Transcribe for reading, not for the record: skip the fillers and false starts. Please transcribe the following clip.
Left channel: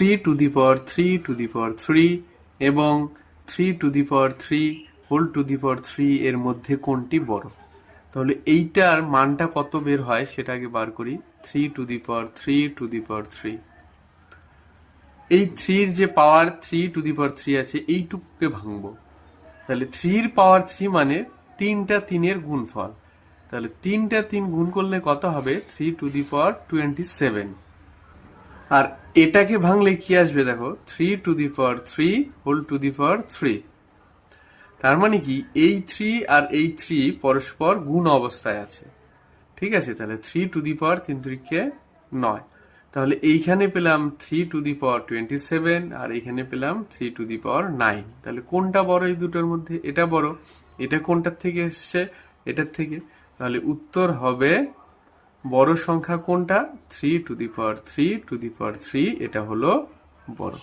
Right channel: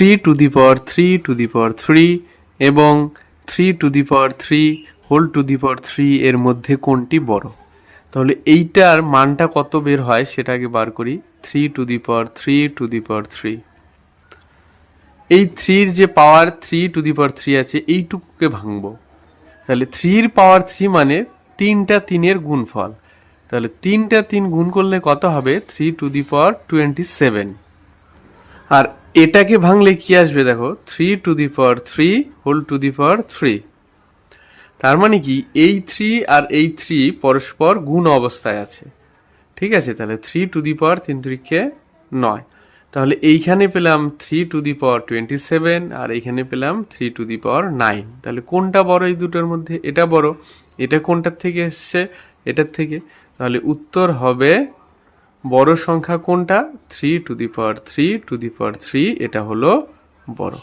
3 এবং 3 এর মধ্যে কোনটি বড়? তাহলে এইটার মানটা কত বের হয় সেটা আগে বার করি। 3 এই 3 যে পাওয়ার 3 আছে এইটুকুকে ভাঙবো। তাহলে 3 মানে 3টা 3-এর গুণফল। তাহলে 3টা 3 গুণ করলে কত হবে? 3 আর এটাকে ভাঙলে কি আসবে দেখো, 3 তার মানে কি এই 3 আর এই 3 পরস্পর গুণ অবস্থায় আছে। ঠিক আছে, তাহলে 3 3 তাহলে এইখানে পেলাম 3 আর এইখানে পেলাম 3 তাহলে কোনটা বড় এই দুটোর মধ্যে? এটা বড়। এটা কোনটার থেকে এসছে? এটার থেকে। তাহলে উত্তর হবে বড় সংখ্যা কোনটা? 3 এটা হলো বড়।